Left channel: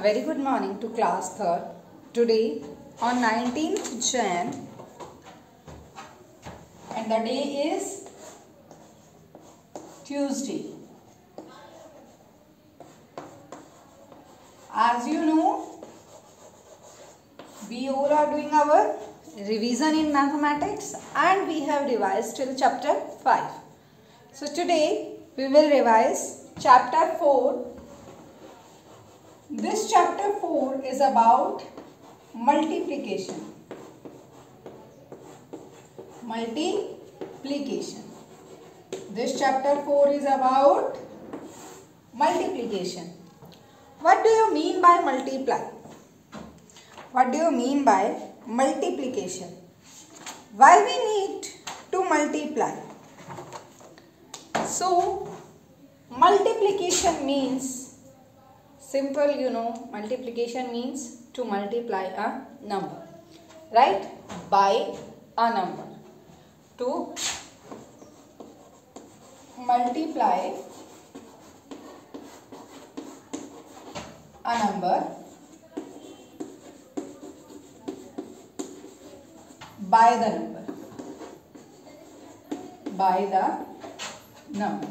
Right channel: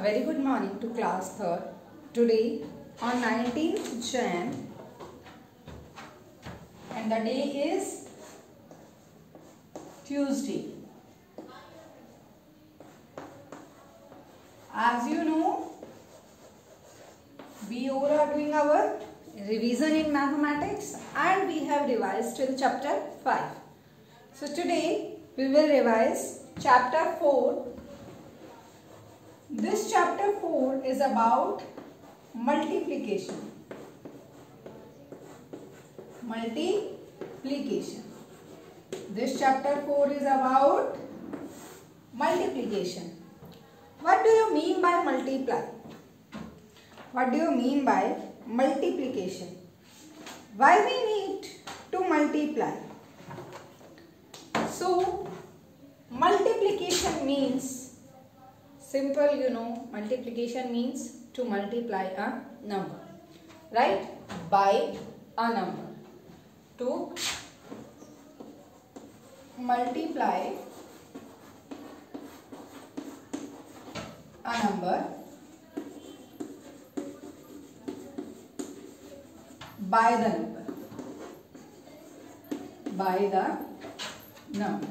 A very good morning to class 3rd. Today on 19th Jan and the day is Tuesday. As you know, we all are doing our revision in mathematics and we have revised till chapter 5. So today we will revise chapter 4. This chapter 4 is about multiplication. This chapter 4 is about multiplication. What do you mean by multiply? What do you mean by multiplication? Why we need to multiply? So, multiplication means simple, multiplication means to multiply a number, right? By a number. To multiply a number by the number,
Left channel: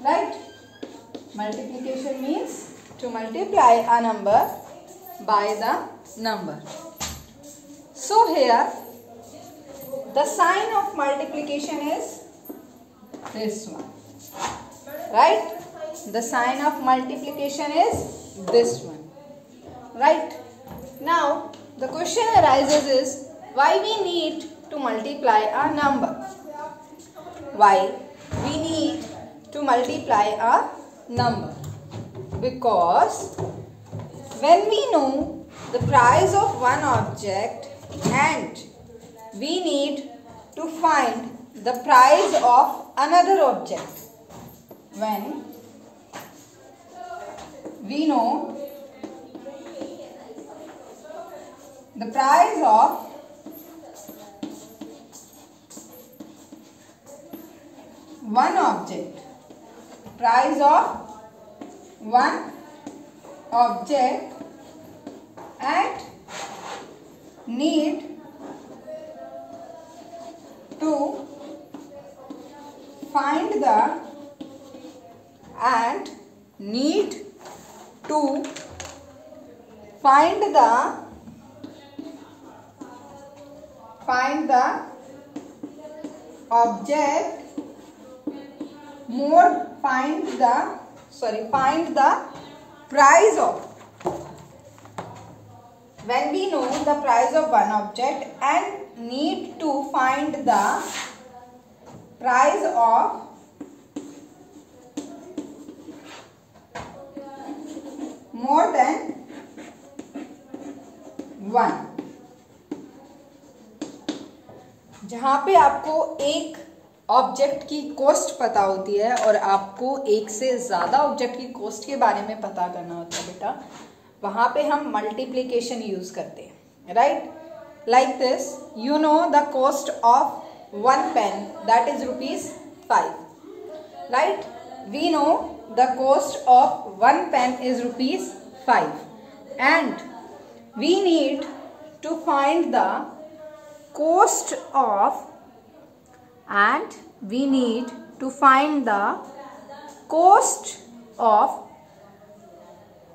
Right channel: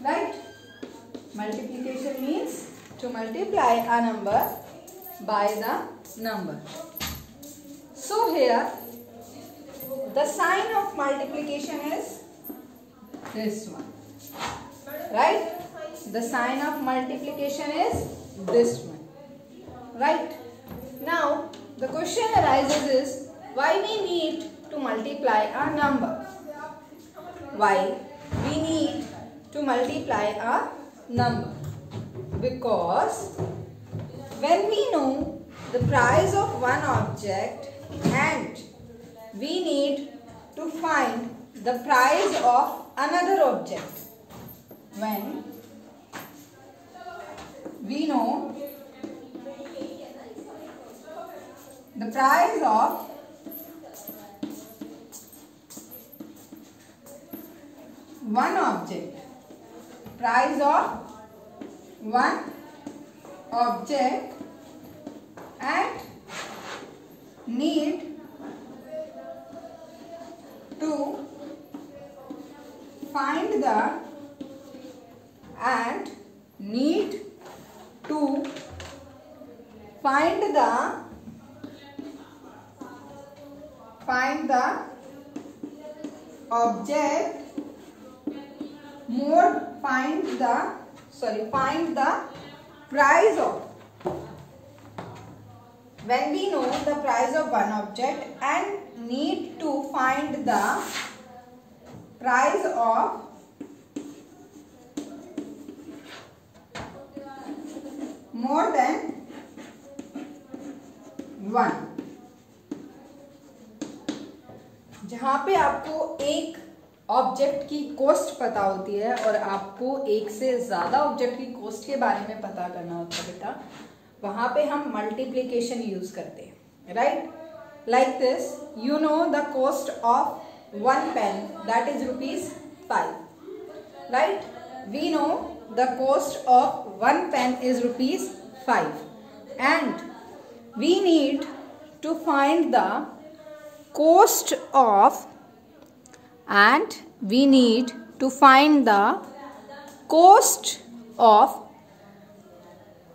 right? Multiplication means to multiply a number by the number. So here the sign of multiplication is this one, right? The sign of multiplication is this one, right? Now the question arises is why we need to multiply a number? Why we need to multiply a number? Because when we know the price of one object and we need to find the price of another object, when we know the price of one object, and need to find the object find the price of, when we know the price of one object and need to find the price of more than one. जहाँ पे आपको एक object की cost पता होती है और आपको एक से ज़्यादा ऑब्जेक्ट की कॉस्ट के बारे में पता करना होता है बेटा, वहाँ पे हम मल्टीप्लिकेशन यूज़ करते हैं, right? Like this, you know the cost of one pen that is ₹5, right? We know the cost of one pen is ₹5 and we need to find the cost of, and we need to find the cost of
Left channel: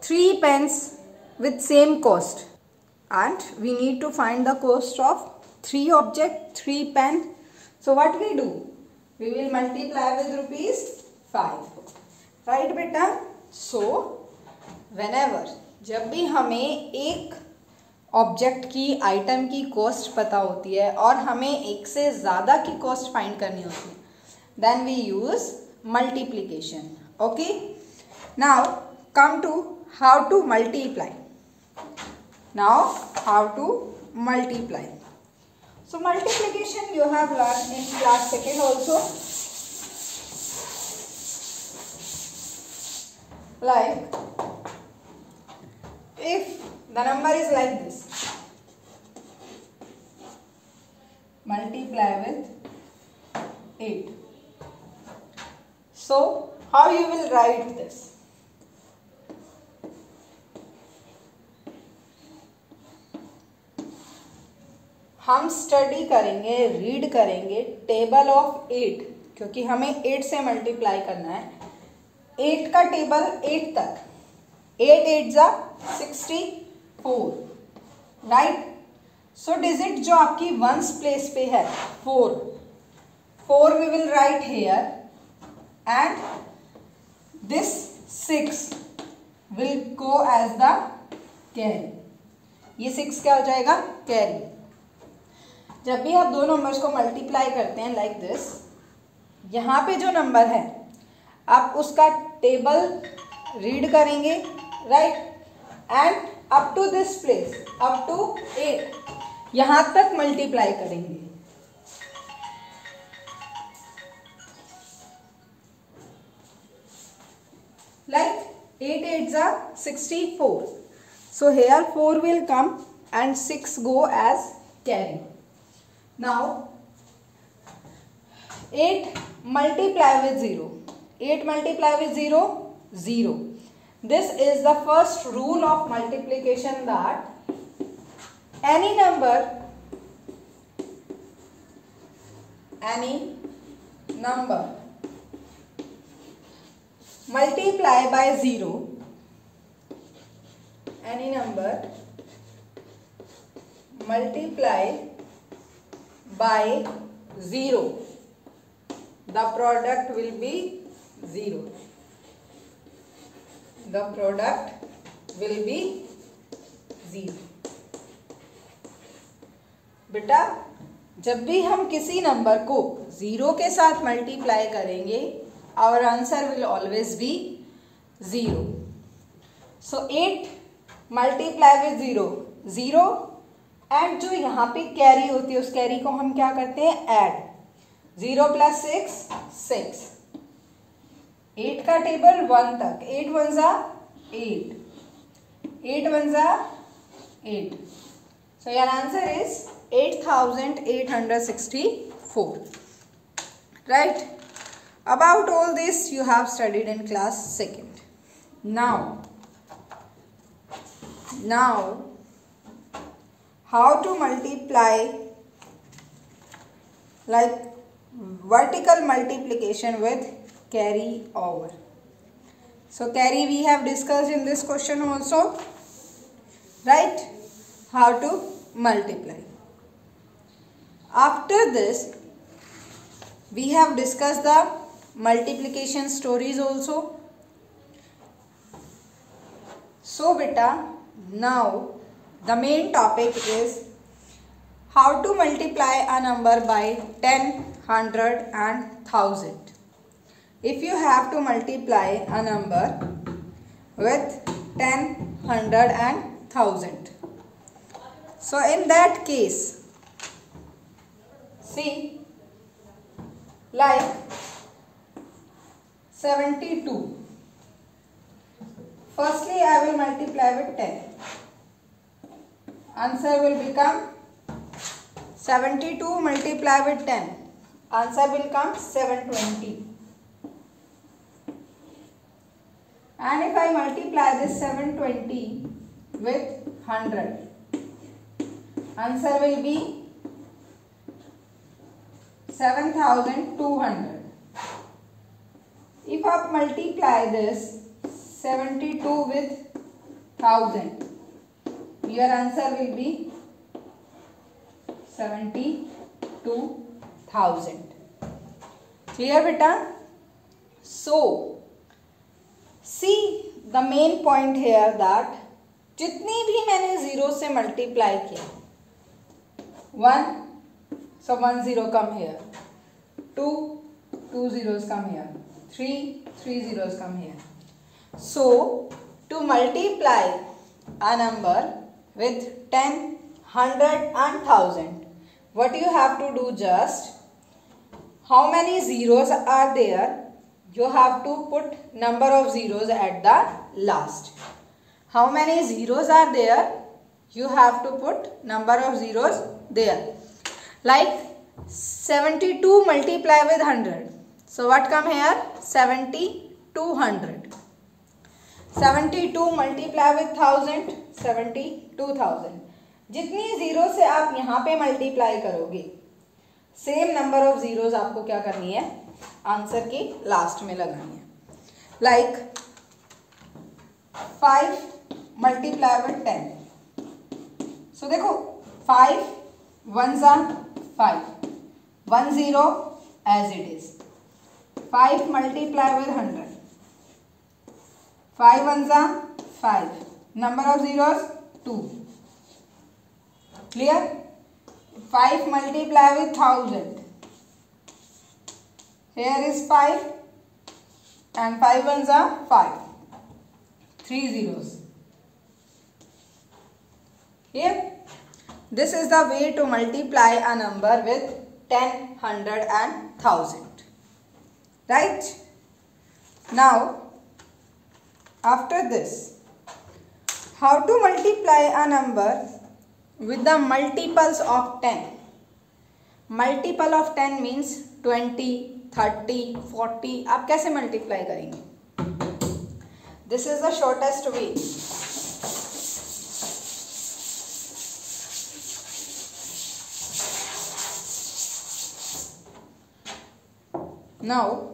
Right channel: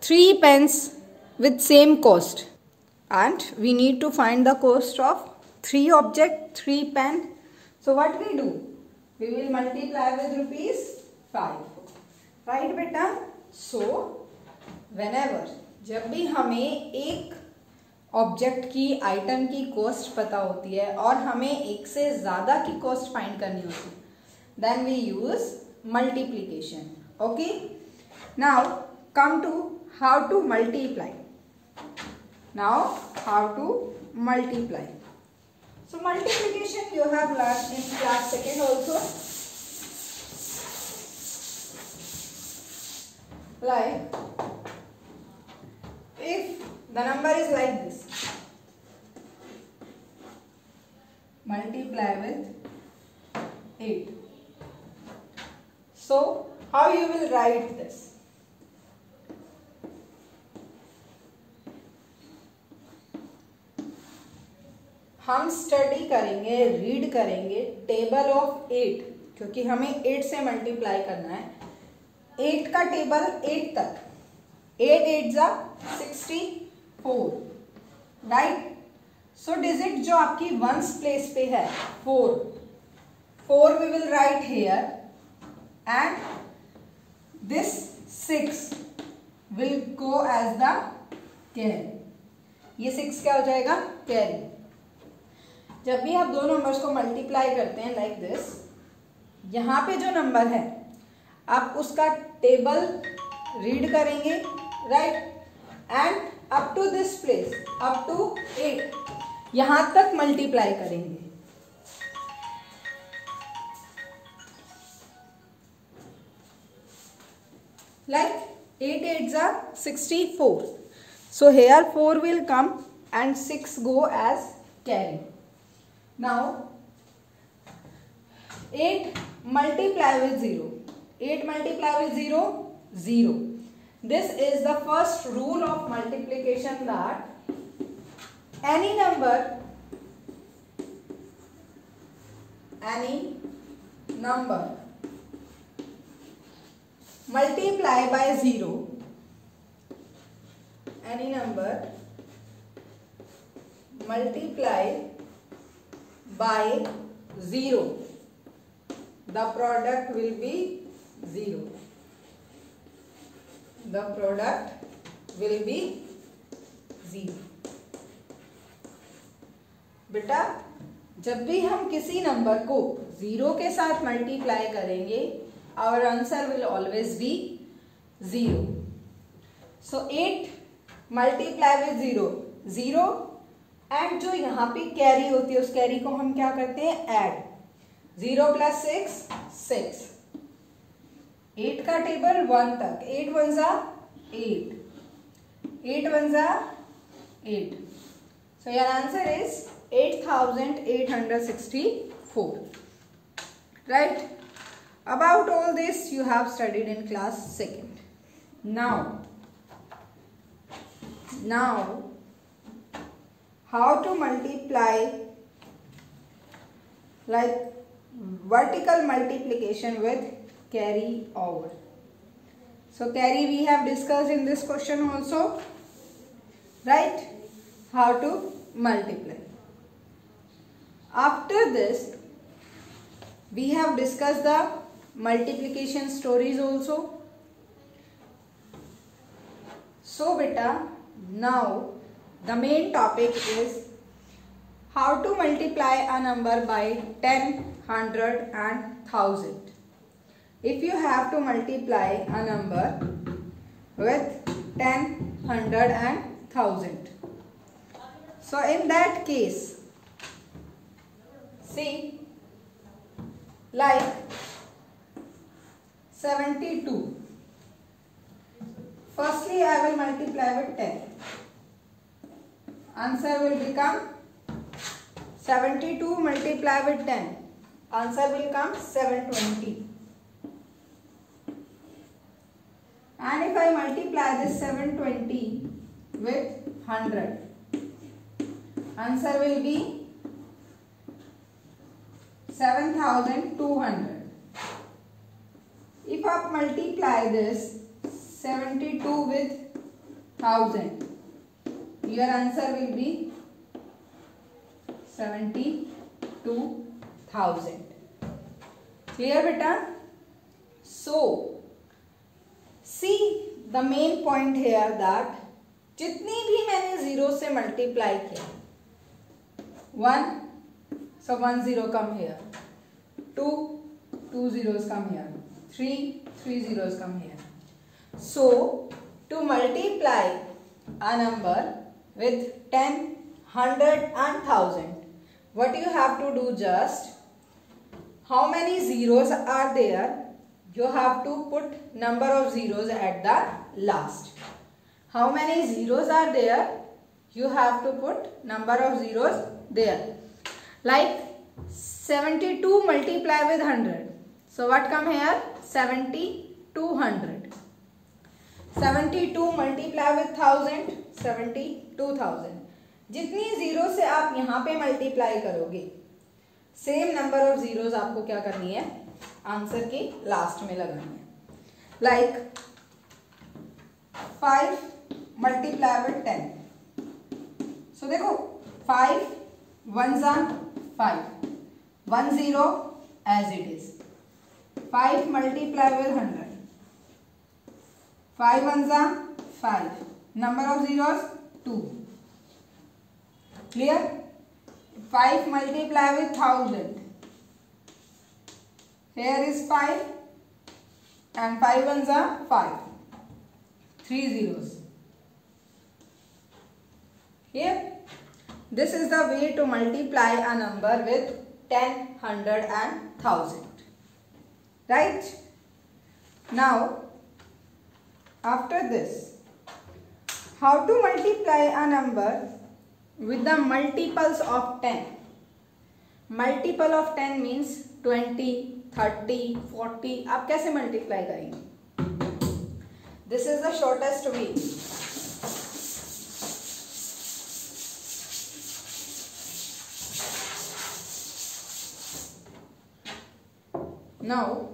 3 pens with same cost, and we need to find the cost of 3 object, 3 pen. So what we do? We will multiply with ₹5, right beta? So whenever, जब भी हमें एक object की, item की cost पता होती है और हमें एक से ज़्यादा की कॉस्ट फाइंड करनी होती है, then we use multiplication. Okay, now come to how to multiply. So multiplication you have learned in class 2nd also. Like if the number is like this, multiply with 8. So how you will write this? हम study करेंगे, read करेंगे table of 8, क्योंकि हमें 8 से multiply करना है। 8 का table 8 तक, 8 8 जा 64, राइट। सो डिजिट जो आपकी वंस प्लेस पे है 4 we will write here and this 6 will go as the carry. ये 6 क्या हो जाएगा? कैरी। जब भी आप दो नंबर्स को मल्टीप्लाई करते हैं लाइक दिस, यहाँ पे जो नंबर है आप उसका टेबल रीड करेंगे, right, and up to this place, up to 8, यहां तक मल्टीप्लाई करेंगे। Like 8 8s are 64. So here 4 will come and 6 go as carry. Now 8 multiply with 0. 8 multiply with 0, 0. This is the first rule of multiplication, that any number multiply by 0, any number multiply by 0, the product will be 0. The product will be 0. बेटा जब भी हम किसी number को 0 के साथ multiply करेंगे, our answer will always be 0. So 8 multiply with 0, 0, and जो यहाँ पे कैरी होती है उस कैरी को हम क्या करते हैं? ऐड। 0 plus 6, 6. 8 का टेबल 1 तक, 8 1s are 8, 8 1s are 8. So your answer is 8864. Right? About all this you have studied in class 2nd. Now how to multiply, like vertical multiplication with carry over. So carry we have discussed in this question also, right? How to multiply. After this we have discussed the multiplication stories also. So beta, now the main topic is how to multiply a number by 10, 100 and 1000. If you have to multiply a number with 10, 100 and 1000. So in that case, see, like 72. Firstly, I will multiply with 10. Answer will become 72 multiply with 10. Answer will come 720. And if I multiply this 720 with 100, answer will be 7200. If I multiply this 72 with 1000, your answer will be 72,000. Clear beta? So see the main point here that जितनी भी मैंने 0 से multiply किया, 1, so 1 0 come here, 2 2 zeros come here, 3 3 zeros come here. So to multiply a number with 10, 100 and 1000, what you have to do, just how many zeros are there, you have to put number of zeros at the last. How many zeros are there, you have to put number of zeros there. Like 72 multiply with 100, so what come here? 7200. 72 multiply with 1000, 72,000. जितनी zero से आप यहाँ पे multiply करोगे, same number of zeros आपको क्या करनी है, आंसर की लास्ट में लगानी है. Like 5 multiply with 10. सो देखो 5 1s are 5, 1 0 as it is. 5 multiply with 100. 5 1s are 5. Number of zeros 2. Clear? 5 multiply with 1000. Here is 5 and 5 1s are 5. 3 zeros. Here, this is the way to multiply a number with 10, 100 and 1000. Right? Now, after this, how to multiply a number with the multiples of 10? Multiple of 10 means 20, 30, 40. आप कैसे multiply करेंगे? This is the shortest way. Now,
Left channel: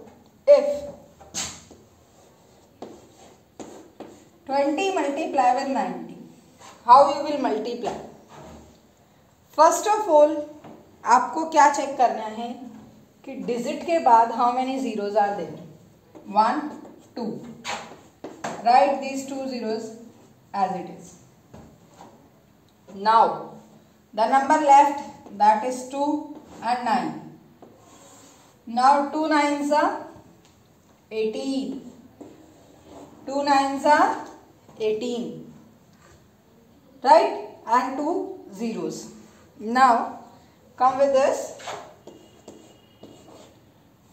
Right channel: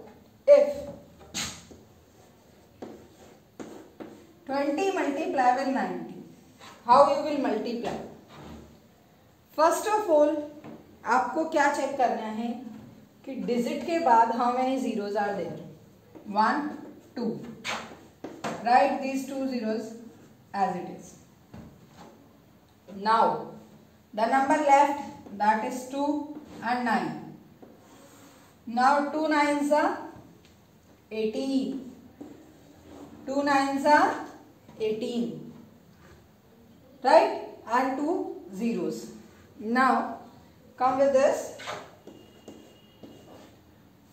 if 20 multiply with 90, how you will multiply? First of all, आपको क्या check करना है कि digit के बाद how many zeros are there? 1, 2. Write these 2 zeros as it is. Now, the number left, that is 2 and 9. Now 2 9s are 18. 2 9s are 18. Right? And 2 zeros. Now come with this.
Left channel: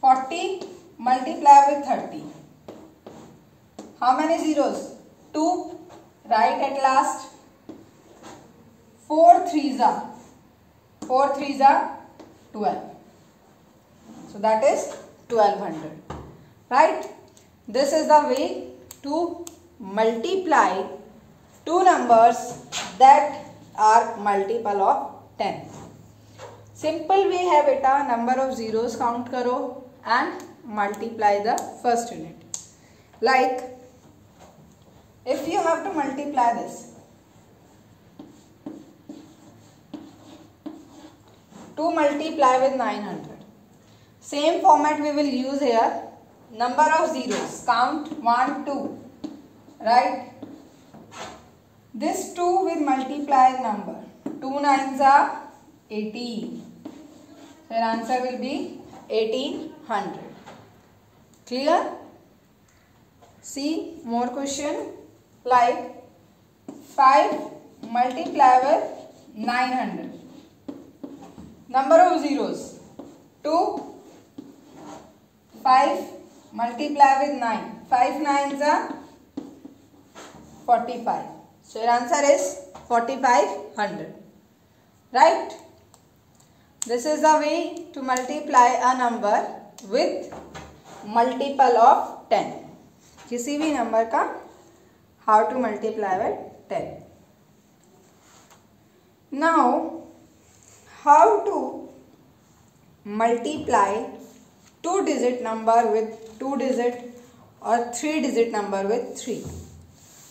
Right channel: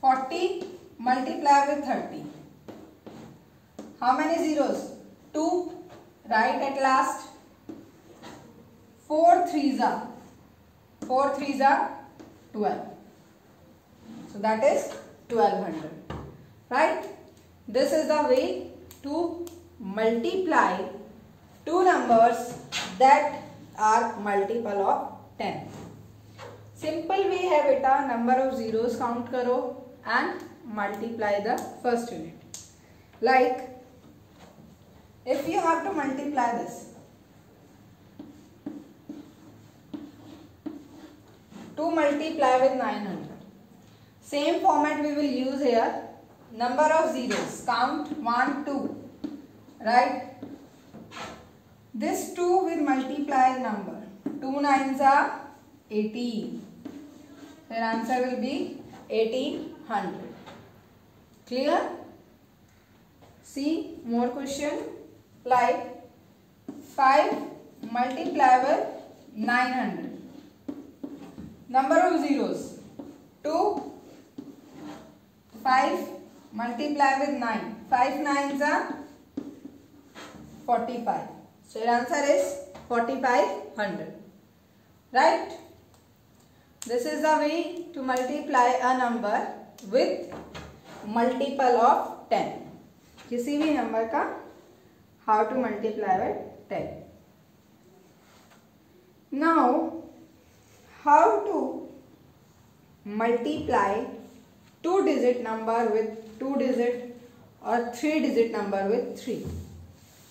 40 multiply with 30. How many zeros? 2. Right at last. 4 3s are 12. So that is 1200. Right? This is the way to multiply two numbers that are multiple of 10. Simple way है बेटा, number of zeros count करो and multiply the first unit. Like if you have to multiply this, 2 multiply with 900. Same format we will use here. Number of zeros. Count 1, 2. Right? This 2 will multiply number. 2 9s are 18. Their answer will be 1800. Clear? See more question. Like 5 multiply with 900. Number of zeros. 2. 5 multiply with 9. 5 9s are 45. So your answer is 4500. Right? This is the way to multiply a number with multiple of 10. किसी भी number का how to multiply with 10. Now, how to multiply 2-digit number with 2-digit और 3-digit number with 3.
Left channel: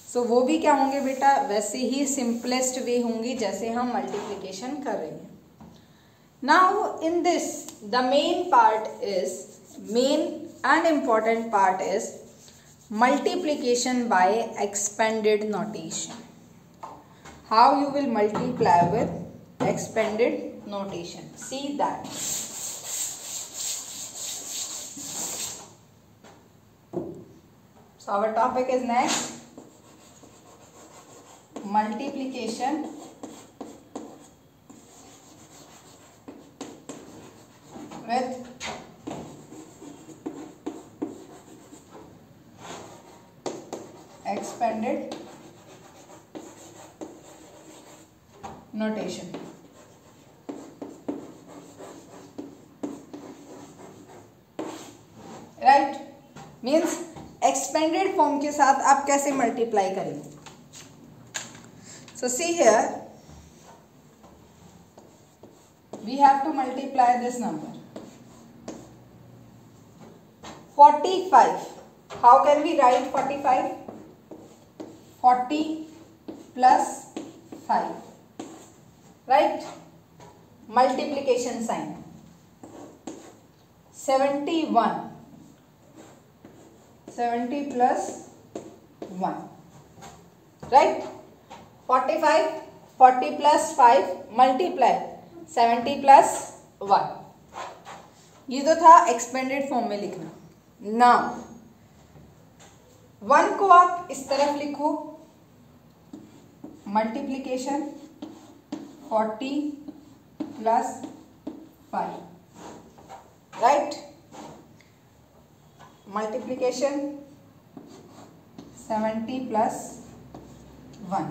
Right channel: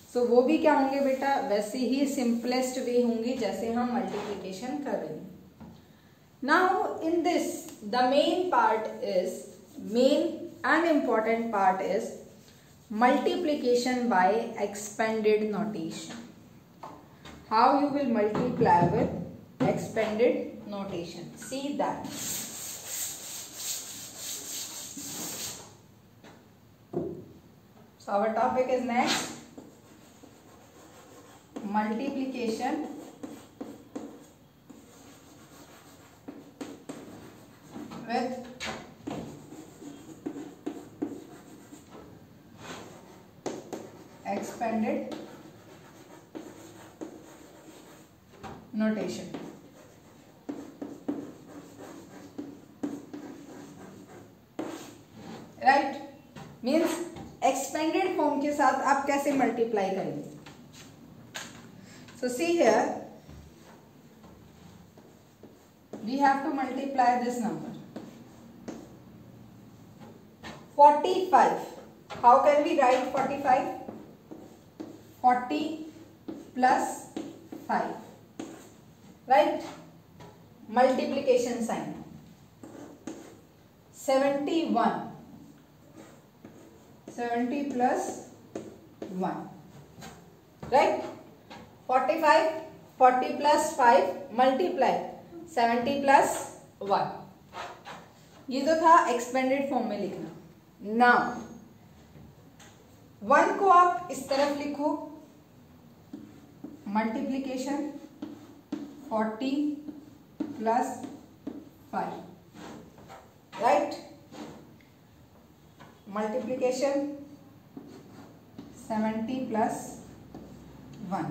So वो भी क्या होंगे बेटा, वैसे ही सिंपलेस्ट वे होंगी जैसे हम मल्टीप्लिकेशन कर रहे हैं. Now in this the main and important part is multiplication by expanded notation. How you will multiply with expanded notation? See that. So our topic is next multiplication with expanded notation. Right? Means expanded form के साथ आप कैसे multiply करेंगे. So see here we have to multiply this number. 45. How can we write 45? 40 plus 5. Right? Multiplication sign. 71. 70 plus 1. Right? 45, 40 plus 5 multiply 70 plus 1. ये तो था expanded form में लिखना. नाउ 1 को आप इस तरफ लिखो, multiplication 40 plus 5. Right? Multiplication 70 plus 1.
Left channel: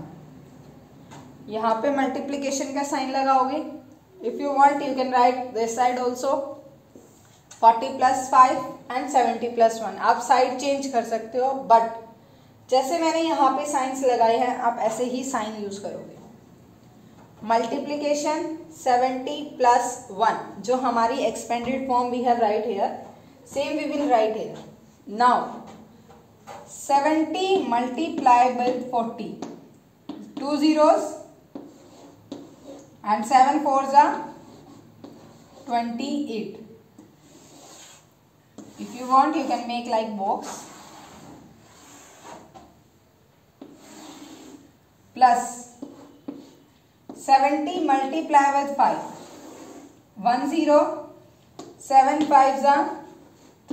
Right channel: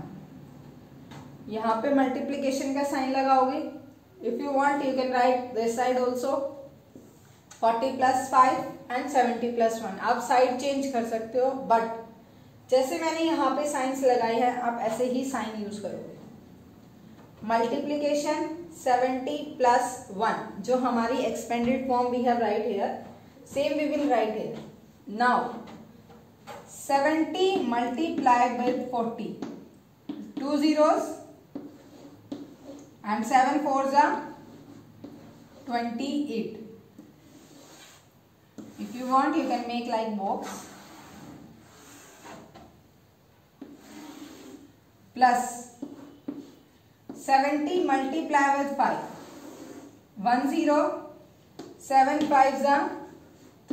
यहाँ पे मल्टीप्लीकेशन का साइन लगाओगे. If you want you can write this side also 40 plus 5 and 70 plus 1. आप साइड चेंज कर सकते हो, बट जैसे मैंने यहाँ पे साइंस लगाए हैं आप ऐसे ही साइन यूज करोगे. मल्टीप्लीकेशन 70 प्लस 1 जो हमारी expanded form we have right here, same we will write here. Now 70 multiplied with 40. 2 zeros and 7 fours are 28. If you want you can make like box. Plus 70 multiply with 5. 1 0. 7 5s are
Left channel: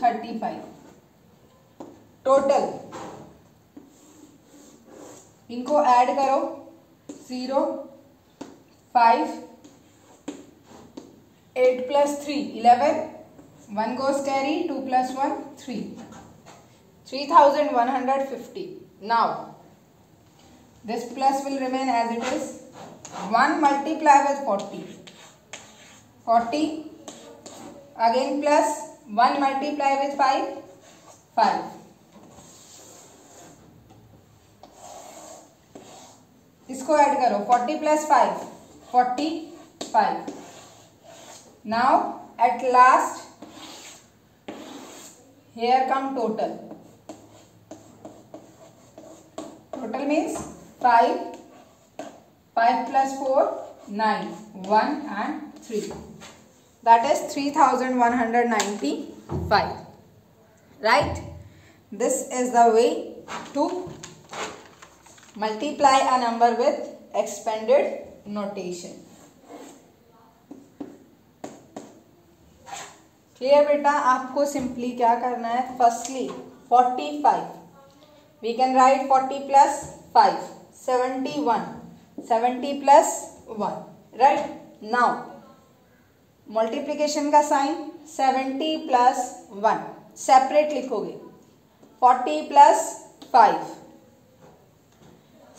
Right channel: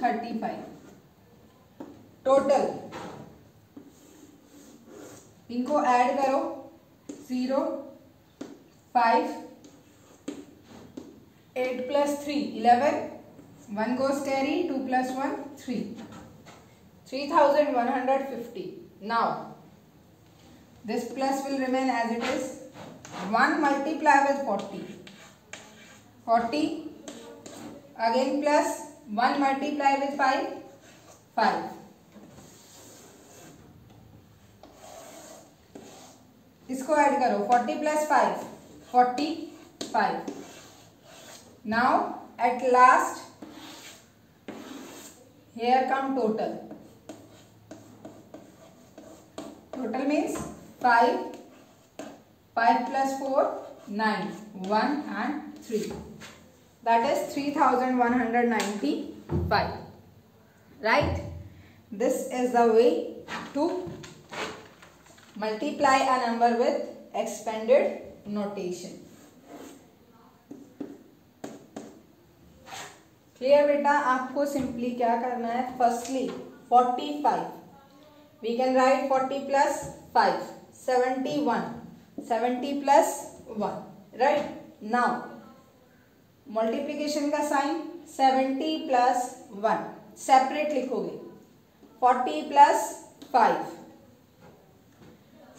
35. Total इनको add करो. 0 5 8 plus 3 11. 1 goes carry. 2 plus 1 3. 3150. Now this plus will remain as it is. 1 multiply with 40. 40 again plus 1 multiply with 5. 5. इसको add करो. 40 plus 5 45. Now at last here come total. Total means 5 plus 4 9 1 and 3. That is 3195. Right? This is the way to multiply a number with expanded notation. Clear बेटा? आपको simply क्या करना है? Firstly 45 we can write 40 plus 5 71. 70 plus 1. Right? Now multiplication का sign 70 plus 1 separate लिखोगे. 40 plus 5.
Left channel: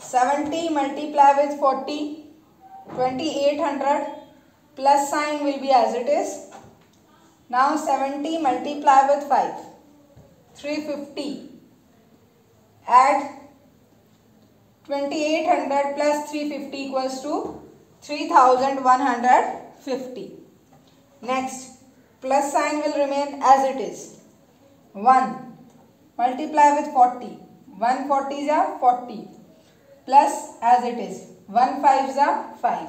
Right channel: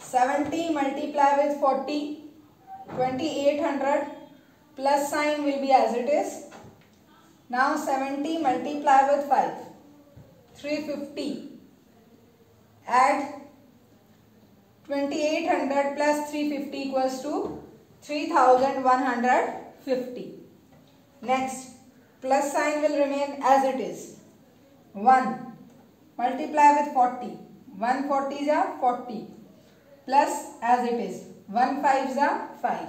70 multiply with 40. 2800 plus sign will be as it is. Now 70 multiply with 5. 350. Add 2800 plus 350 equals to 3150. Next plus sign will remain as it is. 1 multiply with 40. 1 40s are 40. Plus as it is 1 5s are 5.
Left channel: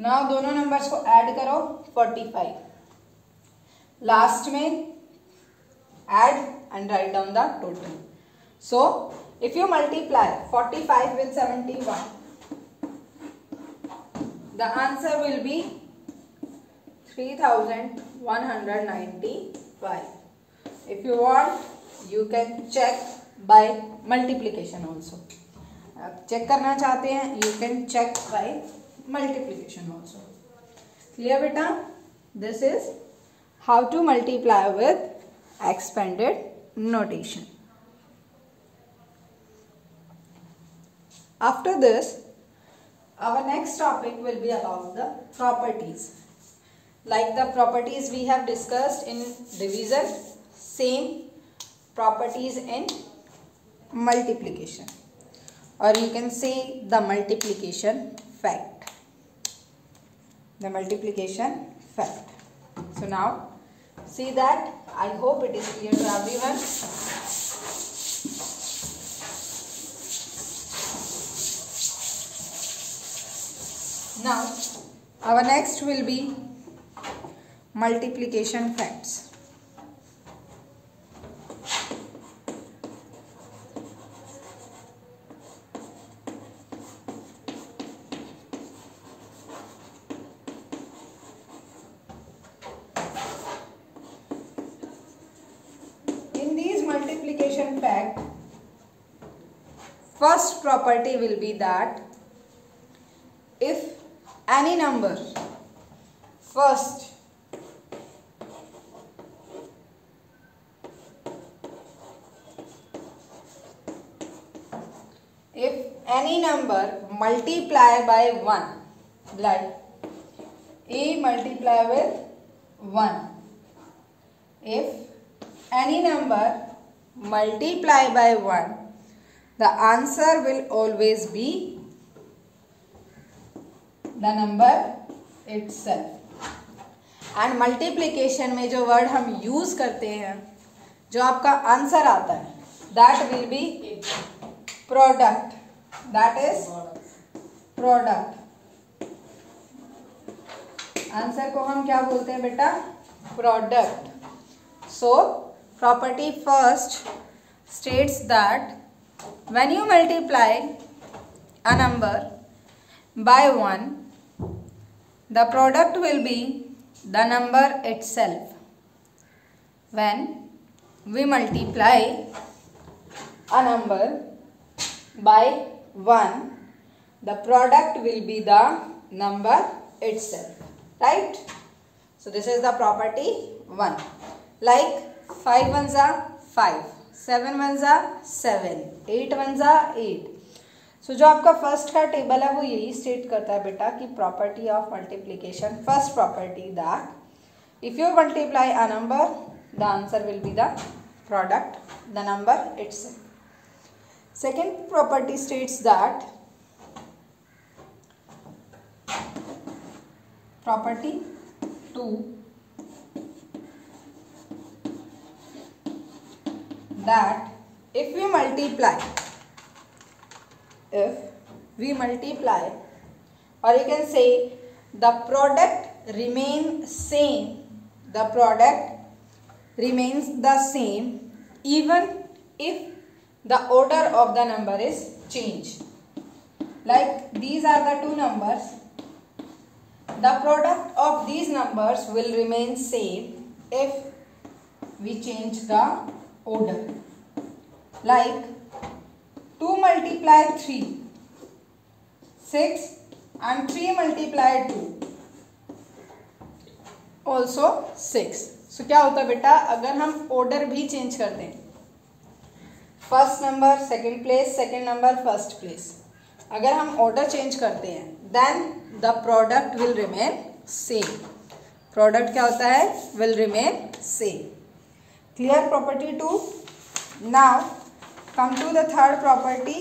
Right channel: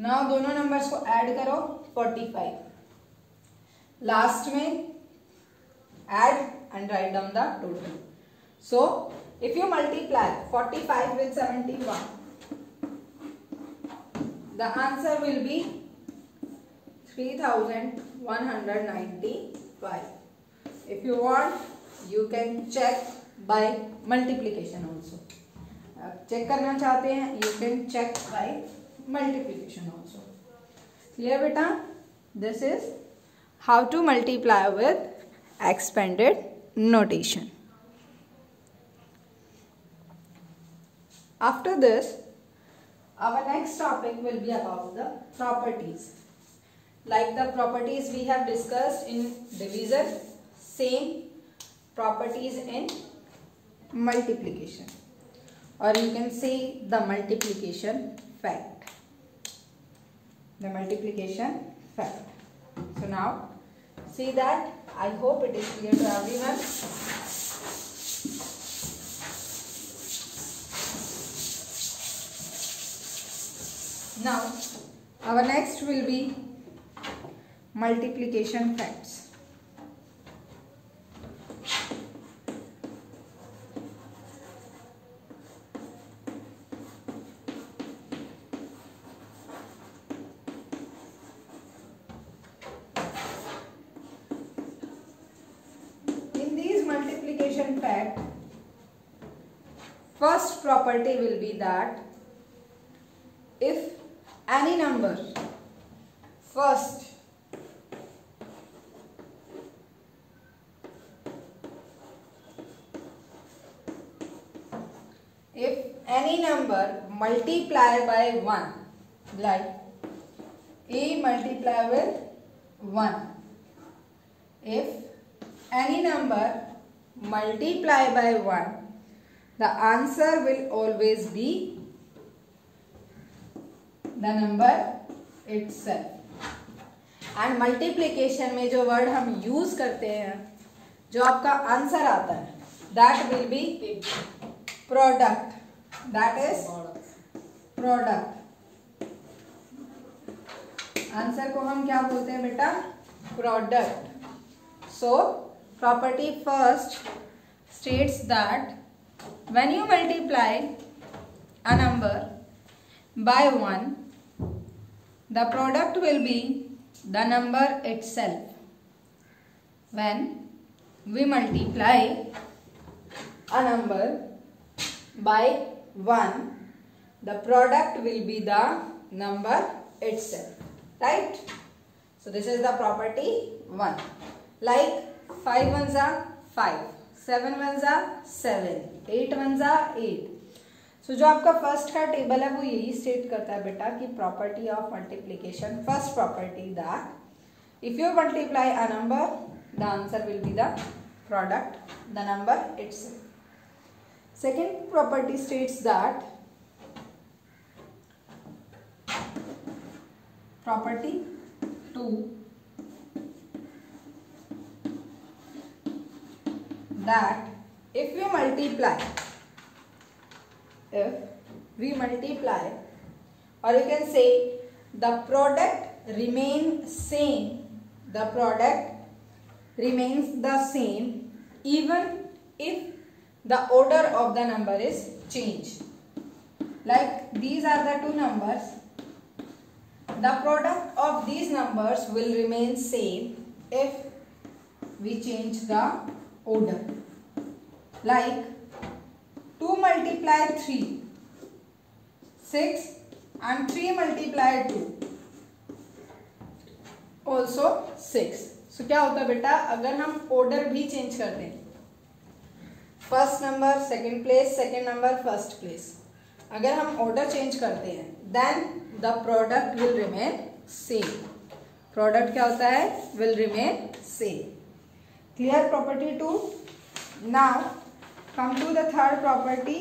Now दोनों numbers को add करो 45. Last में add and write down the total. So if you multiply 45 with 71 the answer will be 3195. If you want you can check by multiplication also. आप check करना चाहते हैं you can check by multiplication also. Clear बेटा? This is how to multiply with expanded notation. After this our next topic will be about the properties. Like the properties we have discussed in division, same properties in multiplication. Or you can say the multiplication fact. the multiplication fact. So now see that. I hope it is clear to everyone. Now our next will be multiplication facts. In these multiplication fact, first property will be that if any number first multiply by 1, like a multiply with 1, if any number multiply by 1, the answer will always be the number itself. And multiplication में जो word हम use करते हैं, जो आपका answer आता है, that will be product. That is product. Answer को हम क्या बोलते हैं बेटा? Product. So property first states that when you multiply a number by 1, the product will be the number itself. When we multiply a number by 1, the product will be the number itself. Right? So this is the property 1. Like 5 ones are 5, 7 ones are 7, 8 ones are 8. सो जो आपका first का table है वो यही state करता है बेटा कि property of multiplication, first property that if you multiply a number the answer will be the product, the number itself. Second property states that property 2 that if we multiply, or you can say the product remains same, the product remains the same even if the order of the number is changed. Like these are the two numbers, the product of these numbers will remain same if we change the order. Like 2 multiply 3, 6 and 3 multiply 2 also 6. So क्या होता है बेटा, अगर हम order भी change कर दें, first number second place, second number first place, अगर हम ऑर्डर चेंज करते हैं then the product will remain same. Product क्या होता है? Will remain same. Clear property 2. Now come to the third property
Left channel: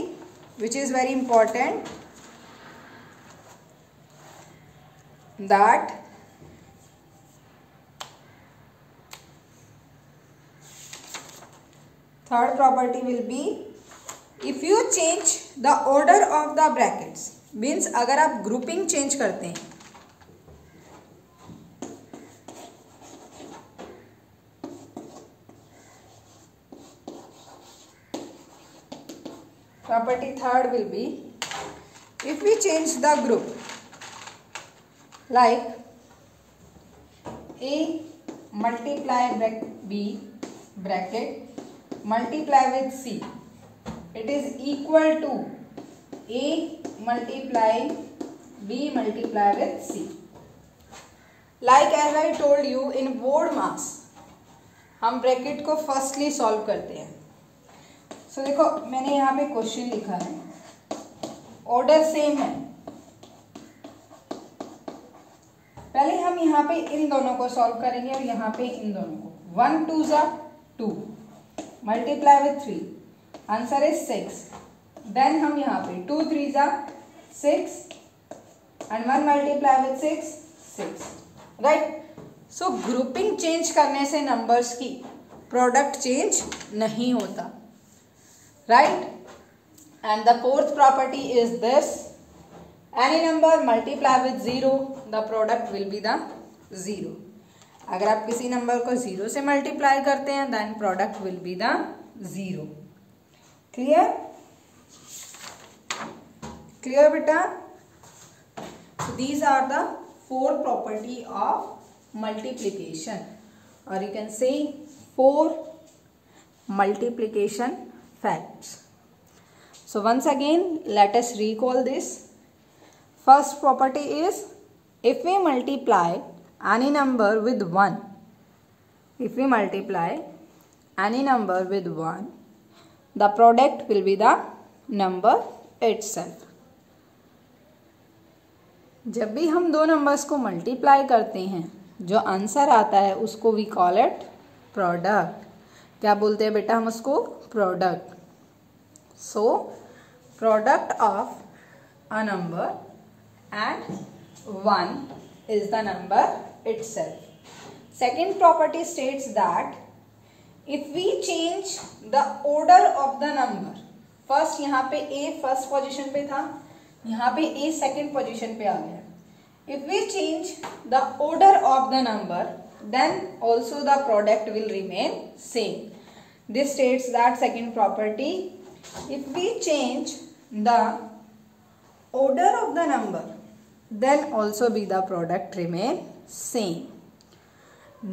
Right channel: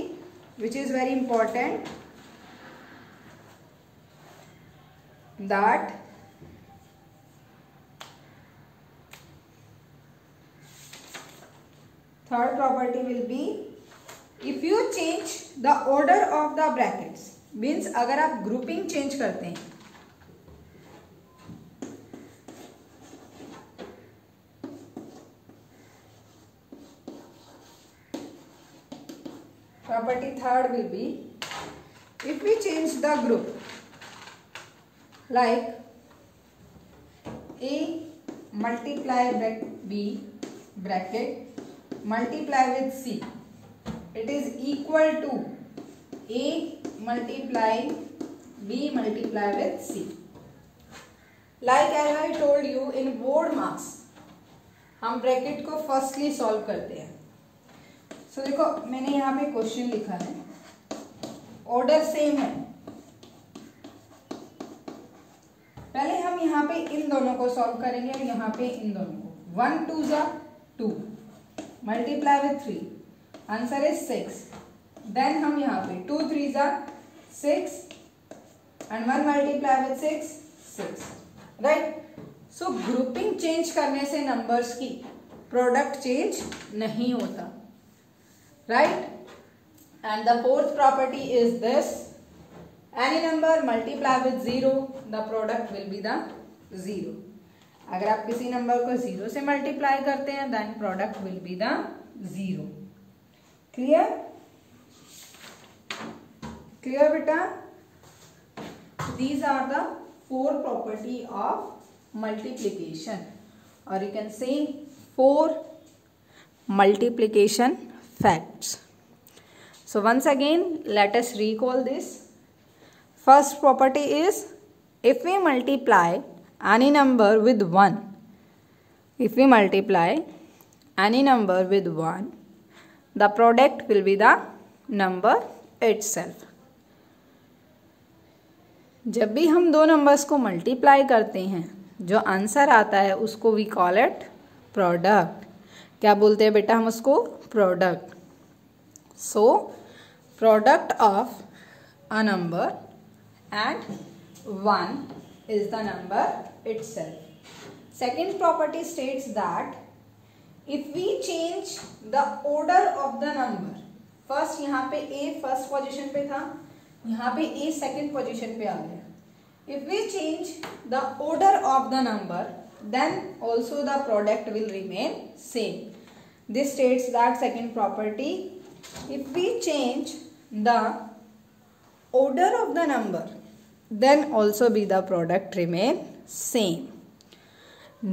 which is very important, that third property will be if you change the order of the brackets, means अगर आप grouping change करते हैं, property third will be if we change the group, like A multiply B bracket multiply with C, it is equal to A multiply B multiply with C. Like as I told you in board marks, हम bracket को firstly solve करते हैं. तो देखो मैंने यहाँ पे question लिखा है, ऑर्डर सेम है. पहले हम यहाँ पे इन दोनों को सॉल्व करेंगे और यहाँ पे इन दोनों को. 1 2 ज़ा 2 मल्टीप्लाई विथ 3, आंसर इज 6. देन हम यहाँ पे 2 3 ज़ा 6 and 1 multiply with 6 6, right. So grouping change करने से नंबर्स की प्रोडक्ट चेंज नहीं होता, right. And the fourth property is this, any number multiply with 0 the product will be the 0. अगर आप किसी नंबर को 0 से मल्टीप्लाई करते हैं then product will be the 0. Clear? Clear बेटा? These are the 4 property of multiplication, or you can say 4 multiplication facts. So once again let us recall this. First property is, if we multiply any number with 1, if we multiply any number with 1, the product will be the number itself. जब भी हम दो numbers को multiply करते हैं जो answer आता है उसको वी कॉल इट प्रोडक्ट. क्या बोलते हैं बेटा हम उसको? Product. So product of a number and 1 is the number itself. Second property states that if we change the order of the number, first यहाँ पे ए फर्स्ट पोजीशन पे था, यहाँ पे ए सेकेंड पोजीशन पे आ गया. If we change the order of the number then also the product will remain same. This states that second property, if we change the order of the number then also be the product remain same.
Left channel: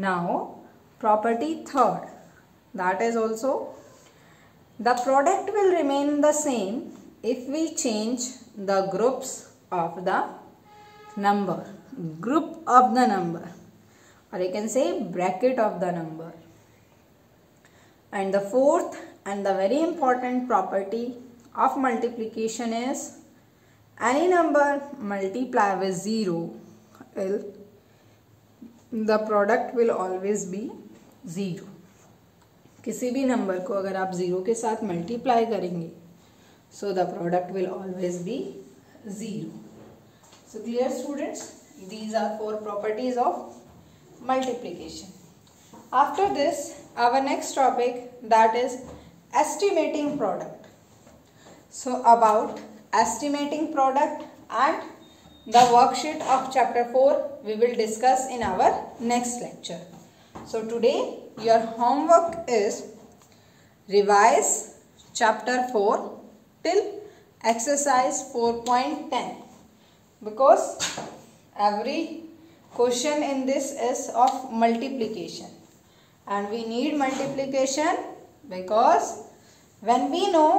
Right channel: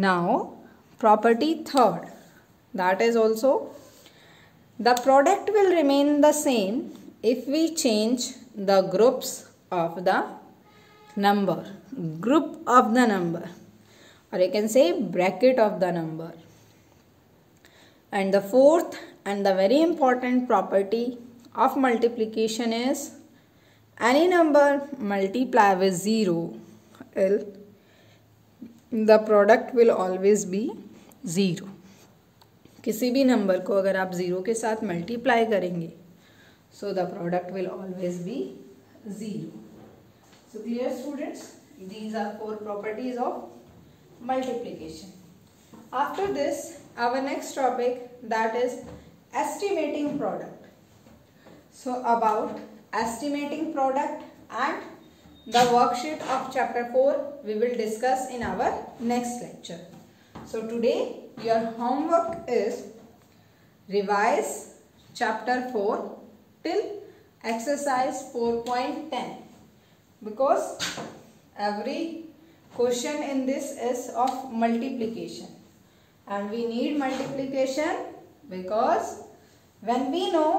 Now property third, that is also the product will remain the same if we change the groups of the number, group of the number, or you can say bracket of the number. And the fourth and the very important property of multiplication is, any number multiply with 0, the product will always be 0. किसी भी number को अगर आप 0 के साथ multiply करेंगे so the product will always be 0. So clear students, these are 4 properties of multiplication. After this our next topic that is estimating product. So about estimating product and the worksheet of chapter 4 we will discuss in our next lecture. So today your homework is revise chapter 4 till exercise 4.10, because every question in this is of multiplication and we need multiplication because when we know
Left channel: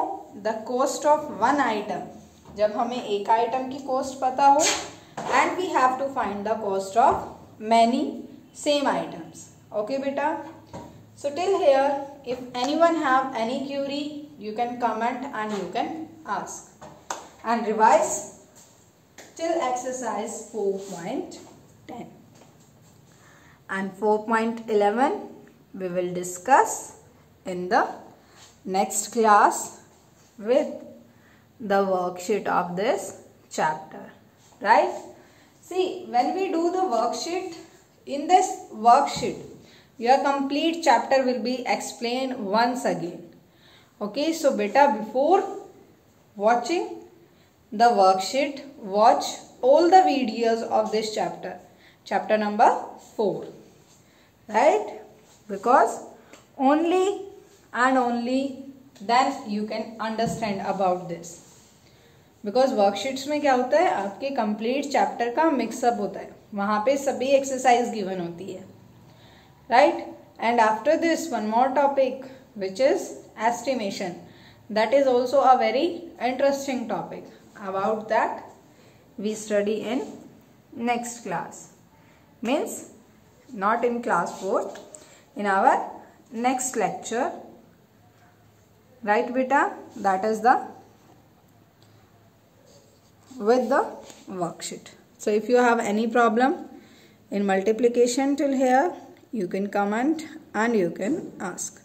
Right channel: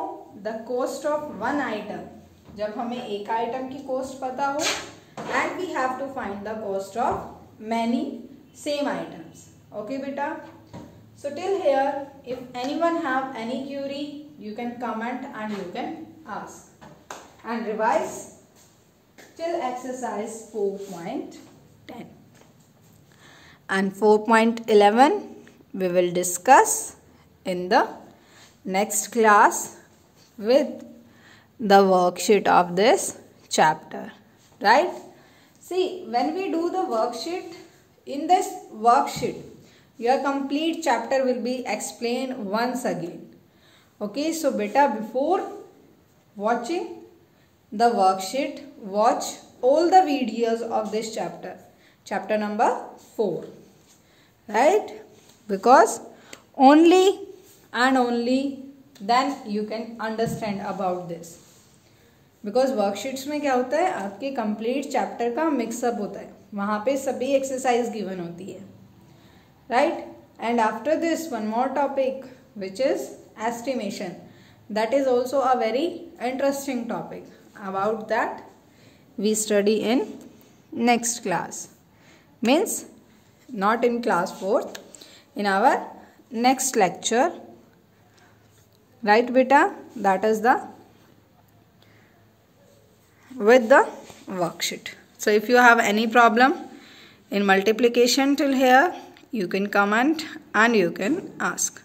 the cost of one item, जब हमें एक item की cost पता हो and we have to find the cost of many same items. Okay beta, so till here if anyone have any query you can comment and you can ask, and revise till exercise 4.10 and 4.11 we will discuss in the next class with the worksheet of this chapter, right? See, when we do the worksheet, in this worksheet your complete chapter will be explained once again. Okay, so beta, before watching the worksheet, watch all the videos of this chapter number 4, right? Because only and only then you can understand about this. Because worksheets में क्या होता है, आपके complete chapter का mix-up होता है, वहाँ पे सभी exercise given होती है, right? And after this one more topic which is estimation, that is also a very interesting topic. About that we study in next class, means not in class 4, in our next lecture, right beta? That is the with the worksheet. So if you have any problem in multiplication till here, you can comment and you can ask.